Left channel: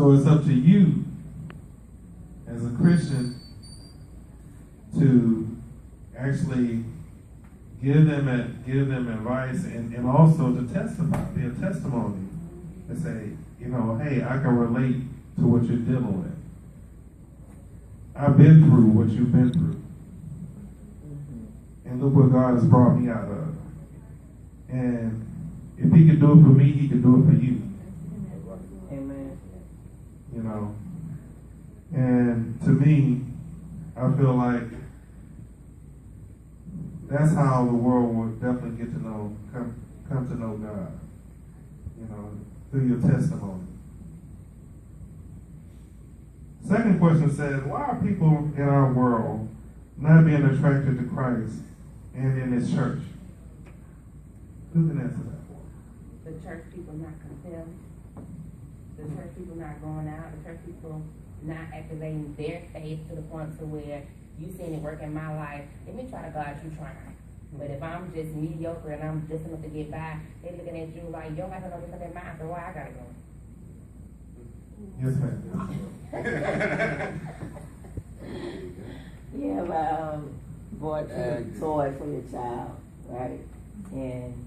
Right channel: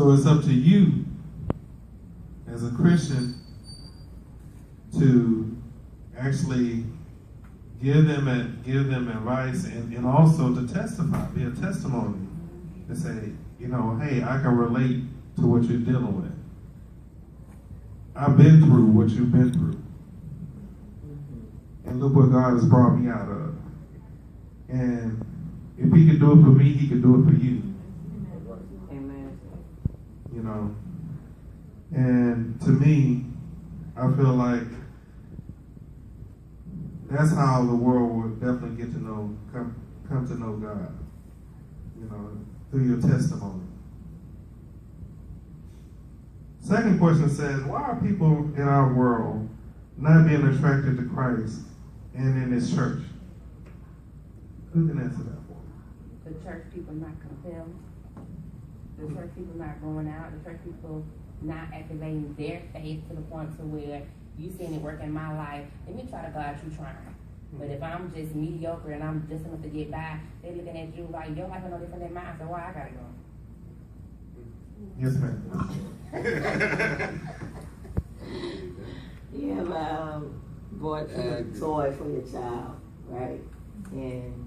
So it's up to you as a Christian to actually give them advice and also to testify, be a testimony, and say, hey, I can relate to what you're dealing with. I've been through what you've been through. And look what God has brought me out of. And if he can do it for me, he can do it for you. Amen. And to me, I feel like that's how the world will definitely get to know, come to know God, through your testimony. Second question says, why are people in our world not being attracted to Christ and in his church? Who can answer that for? The church people not compelled. The church people not going out. The church people not activating their faith to the point to where you seen it work in my life. Let me try to God, you trying. But if I'm just mediocre and I'm just enough to get by, they looking at you like your life is no different than mine, so why I gotta go? Yes, ma'am. You have bought a toy for your child, right? And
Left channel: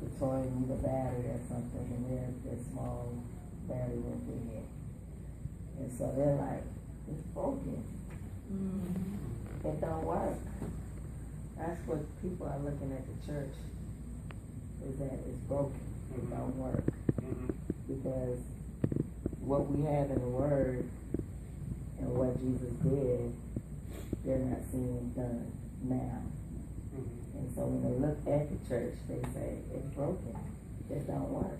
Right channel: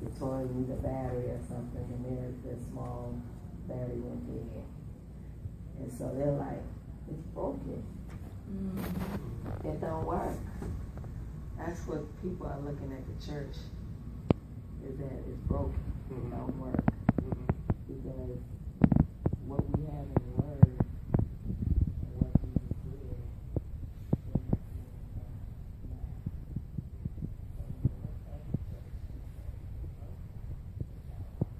the toy needs a battery or something, and their small battery went dead. And so they're like, it's broken. It don't work. That's what people are looking at the church, is that it's broken. It don't work. Because what we have in the Word and what Jesus did, they're not seeing it done now. And so when they look at the church, they say, it's broken. It don't work.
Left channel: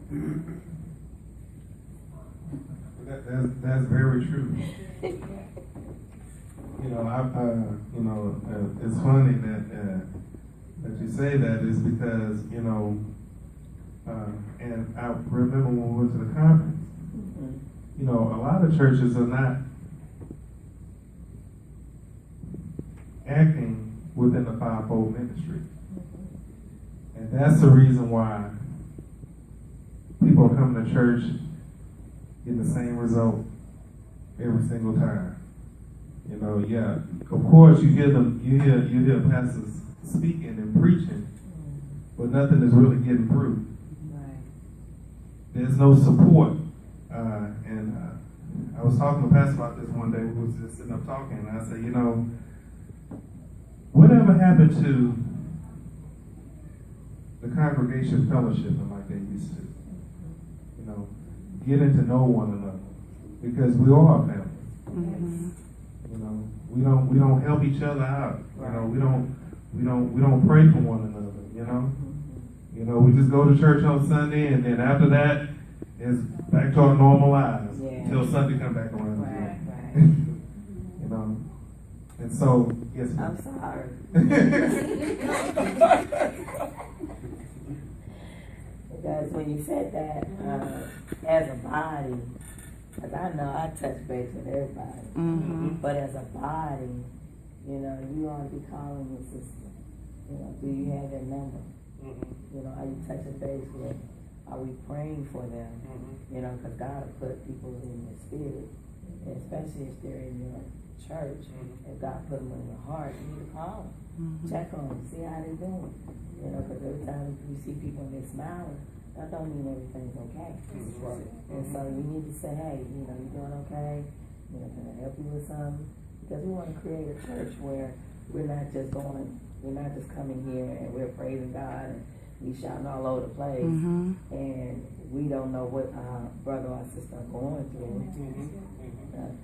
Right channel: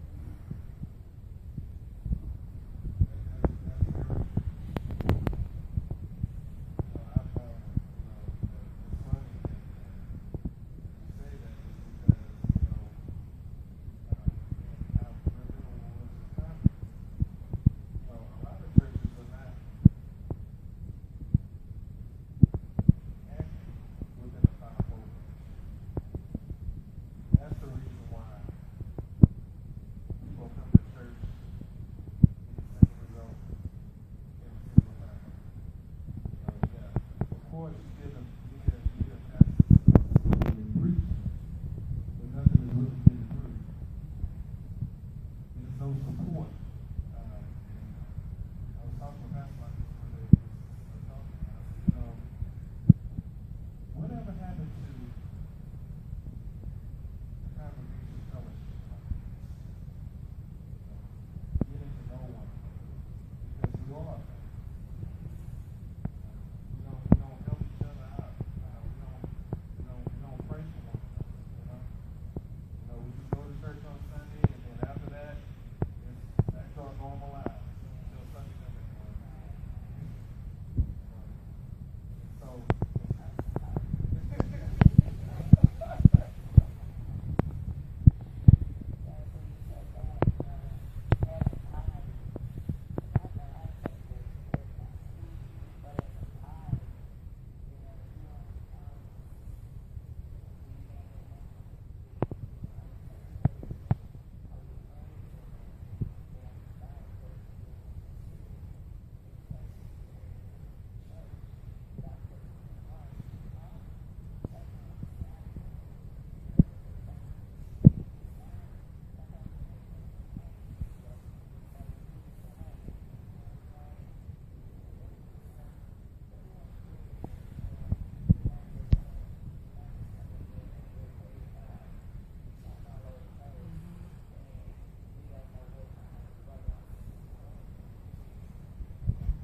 That's very true. It's funny that you say that is because, and I remember when we went to the conference, a lot of churches are not acting within the fivefold ministry. And that's the reason why people come to church, get the same result every single time. Of course you hear pastors speaking and preaching, but nothing is really getting through. There's no support. And I was talking to Pastor about this one day. We was just sitting up talking, and I said, whatever happened to the congregation fellowshipping like they used to? Getting to know one another, because we all are family. We don't help each other out. We don't pray for one another. We just go to church on Sunday, and then after that, it's back to our normal lives until Sunday come back around. Right. And so, yes, I'm sorry. Because when you said that, as a body, because I know I touch base with everybody, but as a body, you ought to be calling your sister. Do you have their number? Are you touching base with? Are we praying for them? Because God will put people in your spirit, especially if they're in your church. If God put them in your heart, you need to call them, check on them, see how they're doing. Because every time you see people and they're smiling, that don't mean everything's okay. And so you need to say, hey, you doing okay? Can I help you with something? Because we want to create a church where we're not just coming here and we're praising God and we shouting all over the place, and we don't know what our brother or sister are going through.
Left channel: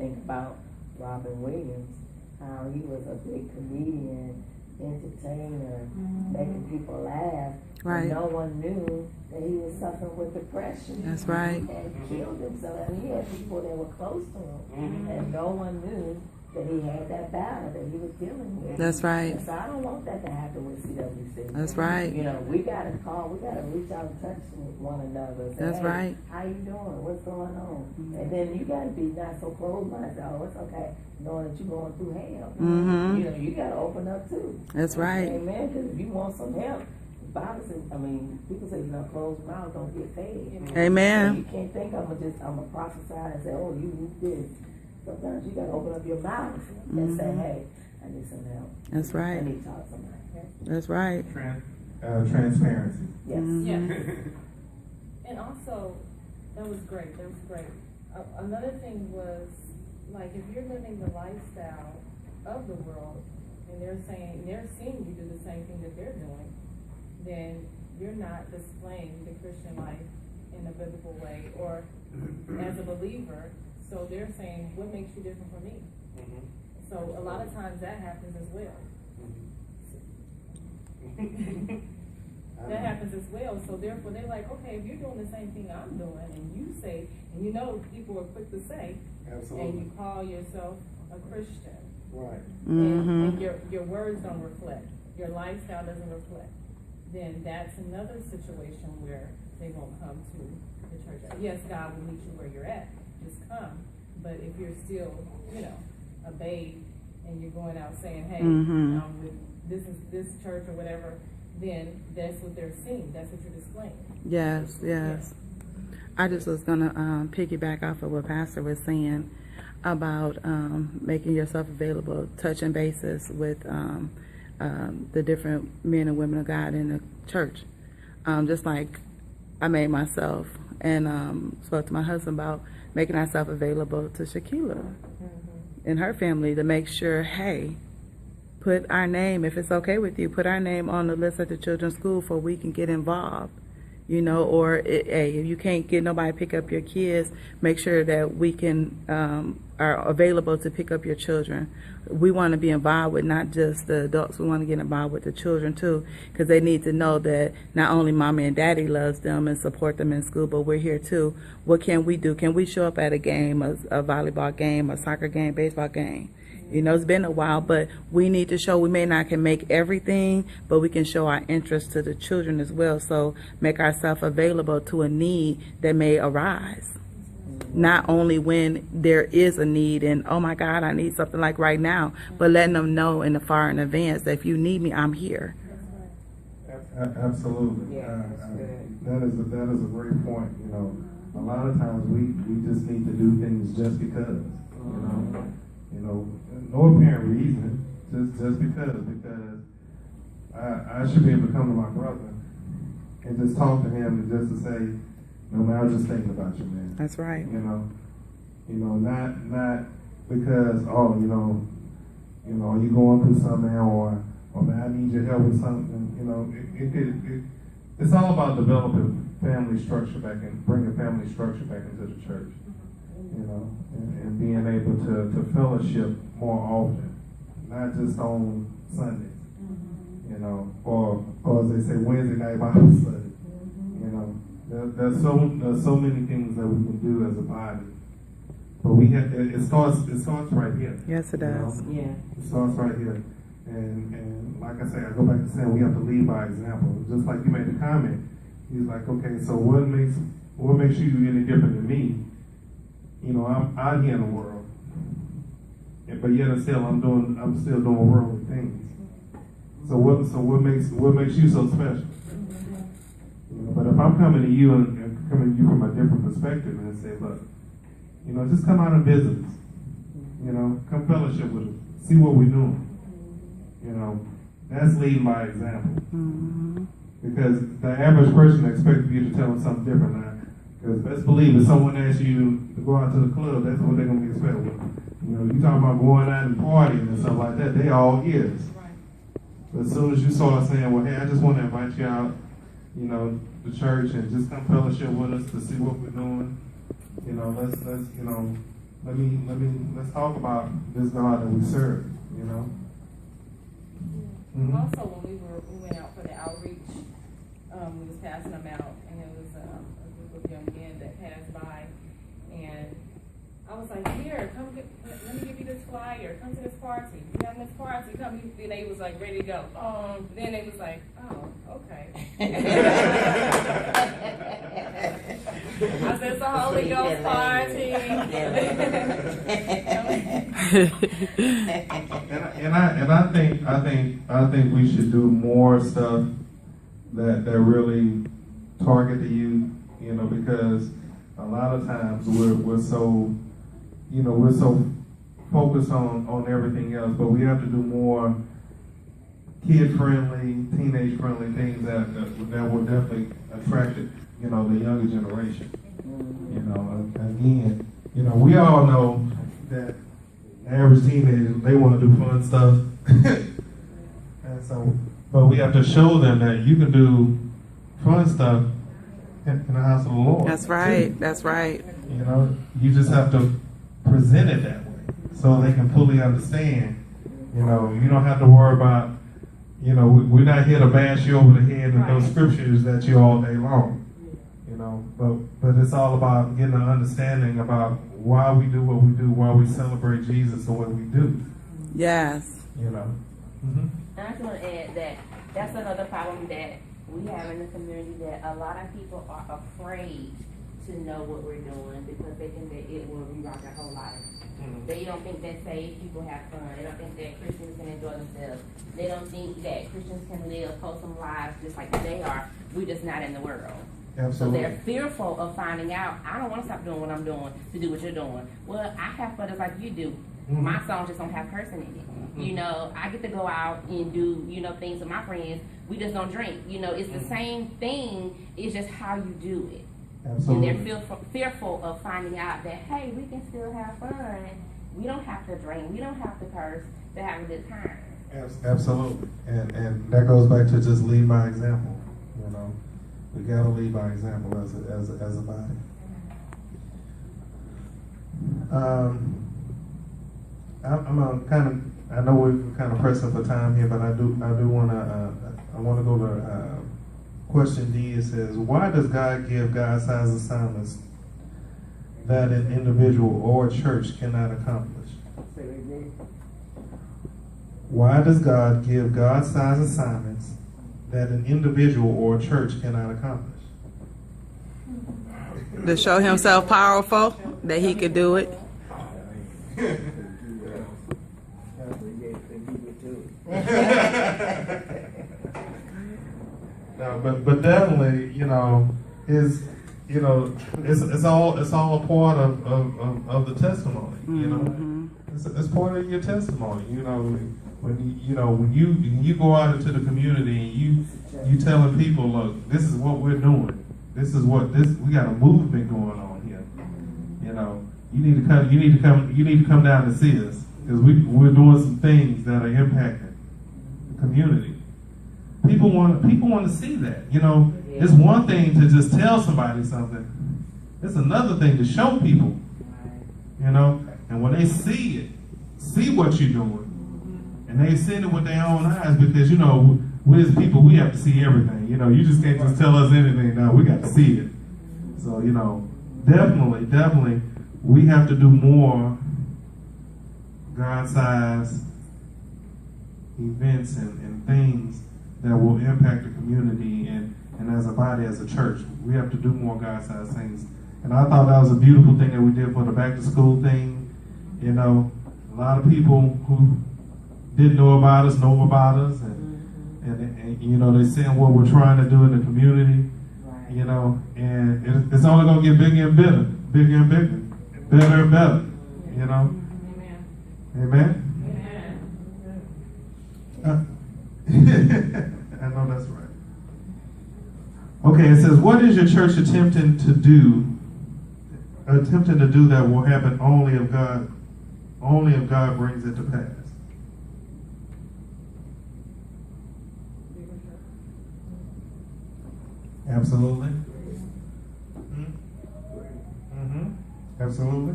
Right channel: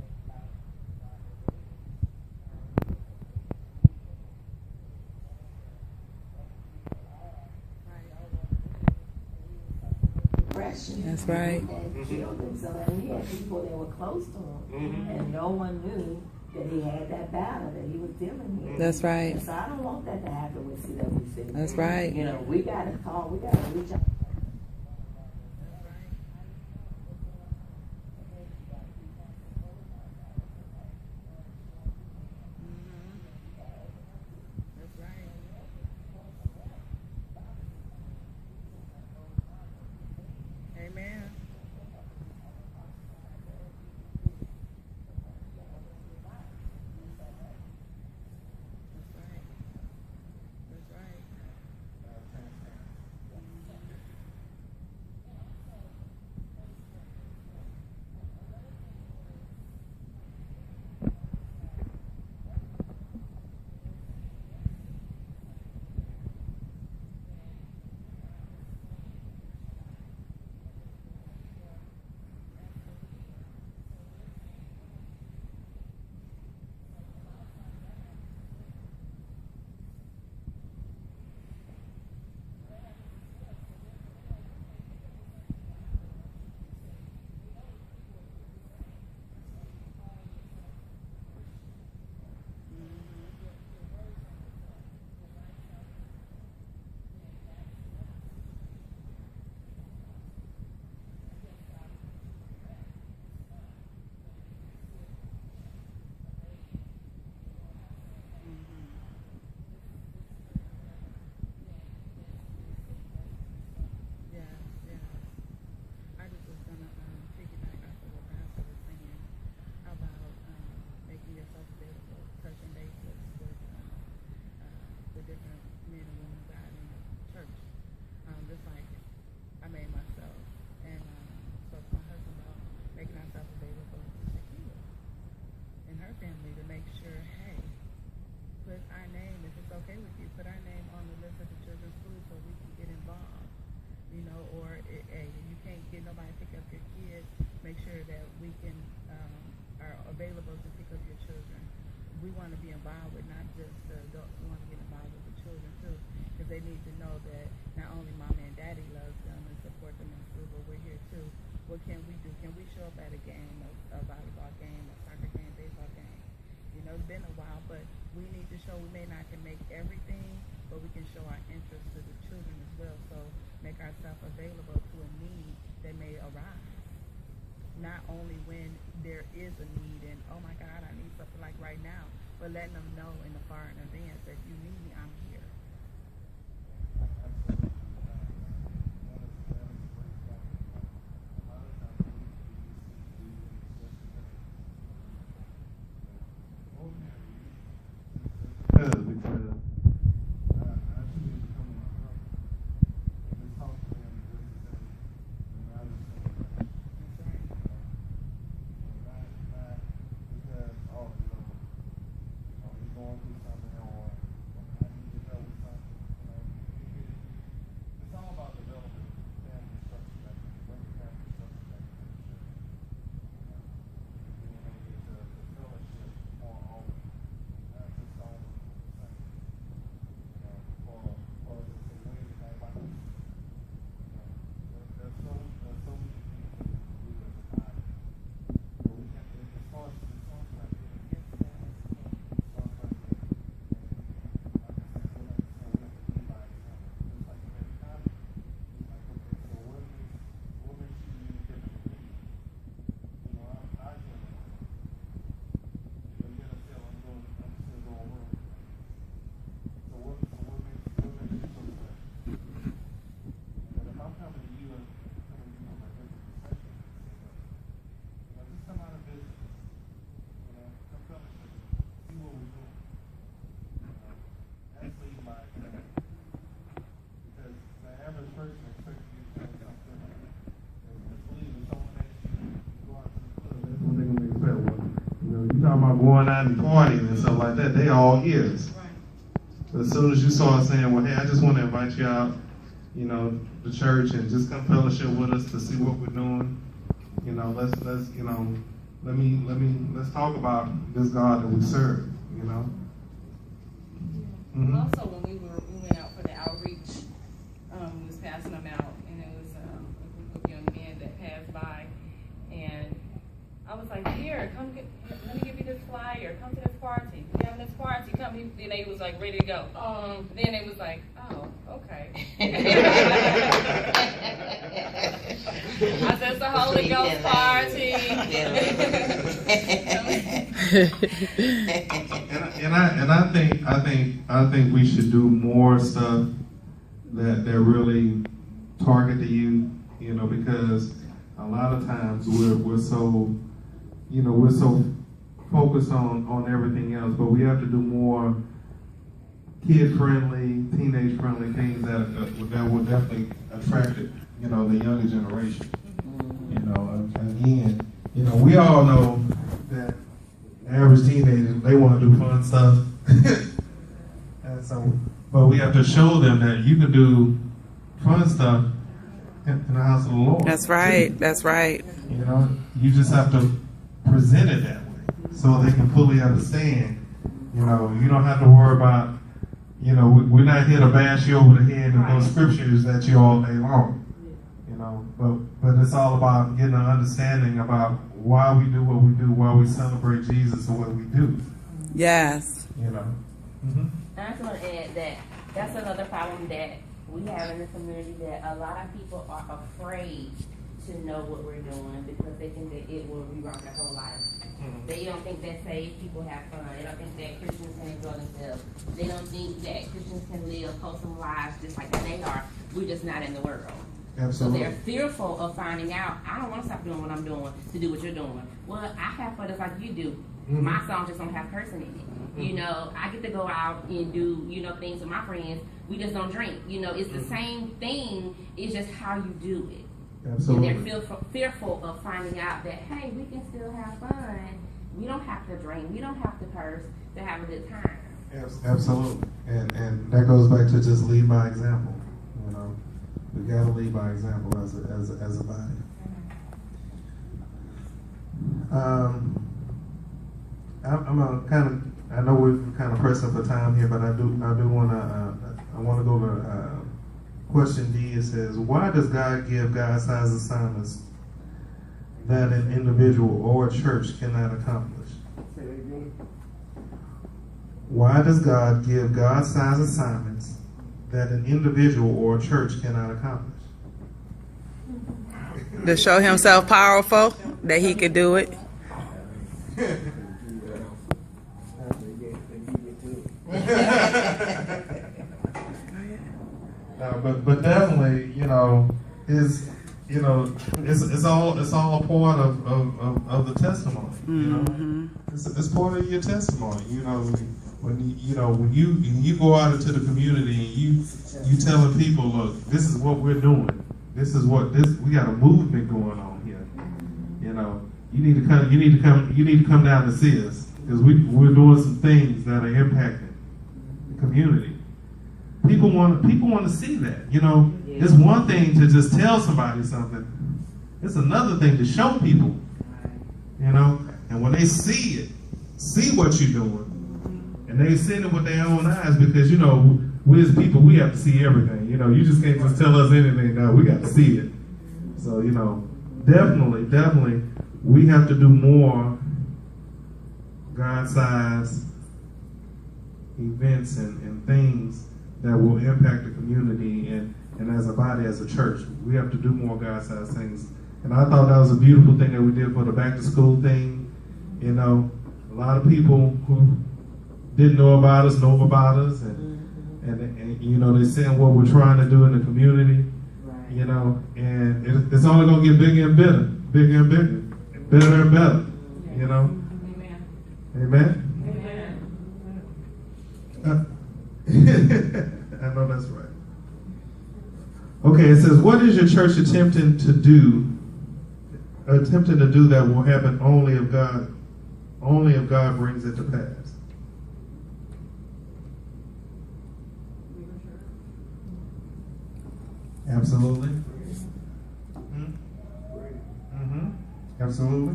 Think about Robin Williams, how he was a big comedian, entertainer, making people laugh. Right. And no one knew that he was suffering with depression. That's right. And killed himself. And he had people that were close to him, and no one knew that he had that battle that he was dealing with. That's right. And so I don't want that to happen with CWC. That's right. We got to call, we got to reach out and touch with one another. Say, That's hey, right. how you doing? What's going on? And then you got to be not so closed-minded. Oh, it's okay, knowing that you're going through hell. You got to open up too. That's right. Amen. Because if you want some help, Bible says, I mean, people say, closed mouths don't get fed. Amen. So you can't think I'm gonna prophesy and say, oh, you need this. Sometimes you gotta open up your mouth and say, hey, I need some help. That's right. I need to talk to somebody. That's right. Transparency. Yes. Yes. And also, that was great. Another thing was, like, if you're living the lifestyle of the world, and they're seeing you do the same thing that they're doing, then you're not displaying the Christian life in a biblical way, or as a believer. So they're saying, what makes you different from me? So a lot of times that happens as well. That happens as well. So therefore they're like, okay, if you're doing the same thing I'm doing, and you say, and people are quick to say, and you call yourself a Christian, Right. and your words don't reflect, your lifestyle doesn't reflect, then that's another situation where they won't come to the church. Yes, God will meet you where you're at, just come. But if you're still, a babe, and you're going out saying, hey, this is this church or whatever, then that's what they're seeing. That's what you're displaying. Yes. I just was going to piggyback off of what Pastor was saying about making yourself available, touching bases with the different men and women of God in the church. Just like I made myself and spoke to my husband about making ourselves available to Shaquila and her family to make sure, hey, put our name, if it's okay with you, put our name on the list at the children's school so we can get involved. Or if you can't get nobody to pick up your kids, make sure that we can are available to pick up your children. We want to be involved with not just the adults, we want to get involved with the children too, because they need to know that not only mommy and daddy loves them and support them in school, but we're here too. What can we do? Can we show up at a game, a volleyball game, a soccer game, baseball game? It's been a while, but we need to show, we may not can make everything, but we can show our interest to the children as well. So make ourselves available to a need that may arise. Not only when there is a need and, oh my God, I need something like right now, but letting them know in advance that if you need me, I'm here. Absolutely. Yeah, that is a great point. A lot of times we just need to do things just because. No apparent reason, just because I should be able to come to my brother and just talk to him and just to say, no man, I was just thinking about you, man. That's right. Not because, are you going through something, or man, I need your help with something. It's all about developing family structure bringing family structure back into the church. And being able to fellowship more often, not just on Sundays, or as they say, Wednesday night Bible study. There's so many things that we can do as a body, but it starts right here. Yes, it does. Yeah. It starts right here, and like I say, I go back to saying we have to lead by example. Just like you made the comment, he's like, okay, so what makes you any different than me? I'm out here in the world, but yet I'm still doing worldly things. So what makes you so special? But if I'm coming to you and coming to you from a different perspective and say, look, just come out and visit us. Come fellowship with us, see what we're doing. That's leading by example. Because the average person expects you to tell them something different now. Because best believe if someone asks you to go out to the club, that's what they're going to expect. You talking about going out and partying and stuff like that, they all ears. Right. But as soon as you start saying, well, hey, I just want to invite you out, the church and just come fellowship with us to see what we're doing. Let's talk about this God that we serve, Also, when we went out for the outreach, we was passing them out, and it was a group of young men that passed by, and I was like, here, let me give you this flyer, come to this party, we having this party, come. Then they was like ready to go. Then they was like, oh, okay. I said, it's a Holy Ghost party. And I think we should do more stuff that really target the youth, you know, because a lot of times we're so, you know, we're so focused on everything else, but we have to do more kid-friendly, teenage-friendly things that will definitely attract, you know, the younger generation. You know, again, you know, we all know that average teenagers, they want to do fun stuff. And so, but we have to show them that you can do fun stuff in the house of the Lord. That's right. That's right. You know, you just have to present it that way so they can fully understand. You know, you don't have to worry about, you know, we're not here to bash you over the head with those scriptures that you all day long. You know, but it's all about getting an understanding about why we do what we do, why we celebrate Jesus and what we do. Yes. You know. Mm-hmm. I just want to add that that's another problem that we have in the community, that a lot of people are afraid to know what we're doing because they think that it will reroute their whole life. Mm-hmm. They don't think that saved people have fun. They don't think that Christians can enjoy themselves. They don't think that Christians can live wholesome lives just like they are. We're just not in the world. Absolutely. So they're fearful of finding out, I don't want to stop doing what I'm doing to do what you're doing. Well, I have fun just like you do. Mm-hmm. My songs just don't have cursing in it. Mm-hmm. You know, I get to go out and do, you know, things with my friends. We just don't drink. You know, it's the same thing. It's just how you do it. Absolutely. And they're fearful of finding out that, hey, we can still have fun. We don't have to drink. We don't have to curse to have a good time. Absolutely. And that goes back to just lead by example. You know, we got to lead by example as a body. I'm a kind of, I know we're kind of pressing for time here, but I do want to go to question D. It says, why does God give God-sized assignments that an individual or a church cannot accomplish? Why does God give God-sized assignments that an individual or a church cannot accomplish? To show himself powerful, that he could do it. No, but definitely, you know, it's all a part of the testimony. You know, Mm-hmm. it's part of your testimony. You know, when you go out into the community and you telling people, look, this is what we're doing. We got a movement going on here. You know, you need to come down to see us because we're doing some things that are impacting the community. People want to see that. You know, it's one thing to just tell somebody something. It's another thing to show people. You know, and when they see what you're doing, and they see it with their own eyes, because you know, we as people, we have to see everything. You know, you just can't just tell us anything. No, we got to see it. So you know, definitely, we have to do more God-sized events and things that will impact the community and as a body, as a church. We have to do more God-sized things. And I thought that was a beautiful thing that we did for the back-to-school thing. You know, a lot of people who didn't know about us, and you know, they're seeing what we're trying to do in the community. Right. You know, and it's only going to get bigger and better, better and better. You know. Amen. I know that's right. Okay, it says, what is your church attempting to do that will happen only if God brings it to pass? Absolutely. Mm-hmm. Absolutely.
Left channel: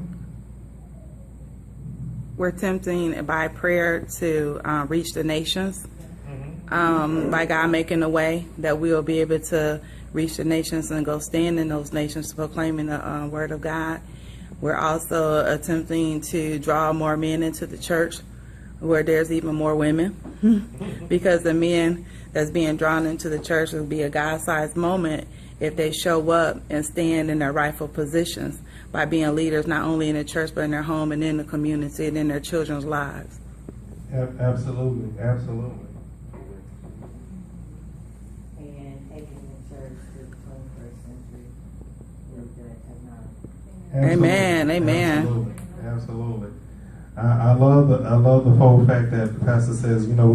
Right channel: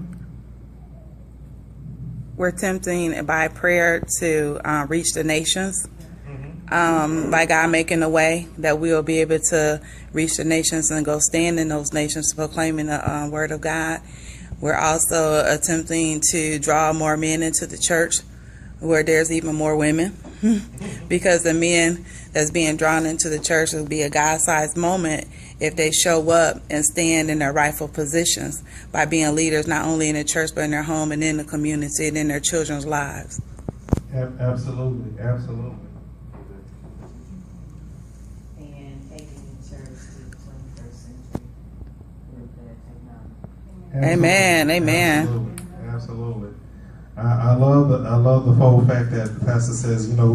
We're attempting by prayer to reach the nations. By God making a way that we'll be able to reach the nations and go stand in those nations proclaiming the word of God. We're also attempting to draw more men into the church where there's even more women because the men that's being drawn into the church will be a God-sized moment if they show up and stand in their rightful positions by being leaders not only in the church but in their home and in the community and in their children's lives. Absolutely. And Amen, amen. Absolutely, absolutely. I love the whole fact that the pastor says, you know,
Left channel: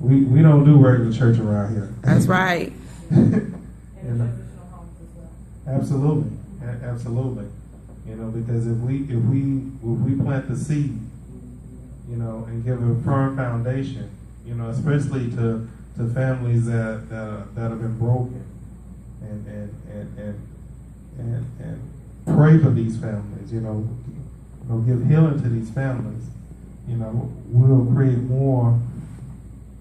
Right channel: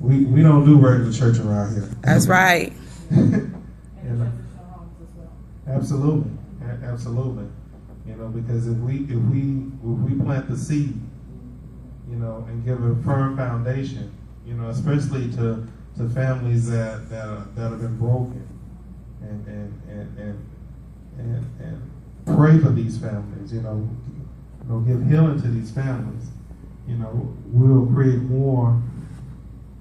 we don't do regular church around here. That's right. You know, absolutely, absolutely. You know, because if we plant the seed, you know, and give a firm foundation, you know, especially to families that have been broken, and pray for these families, you know, give healing to these families, you know, we'll create more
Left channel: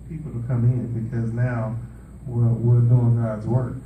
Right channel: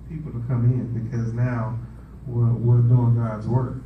people to come in because now we're doing God's work.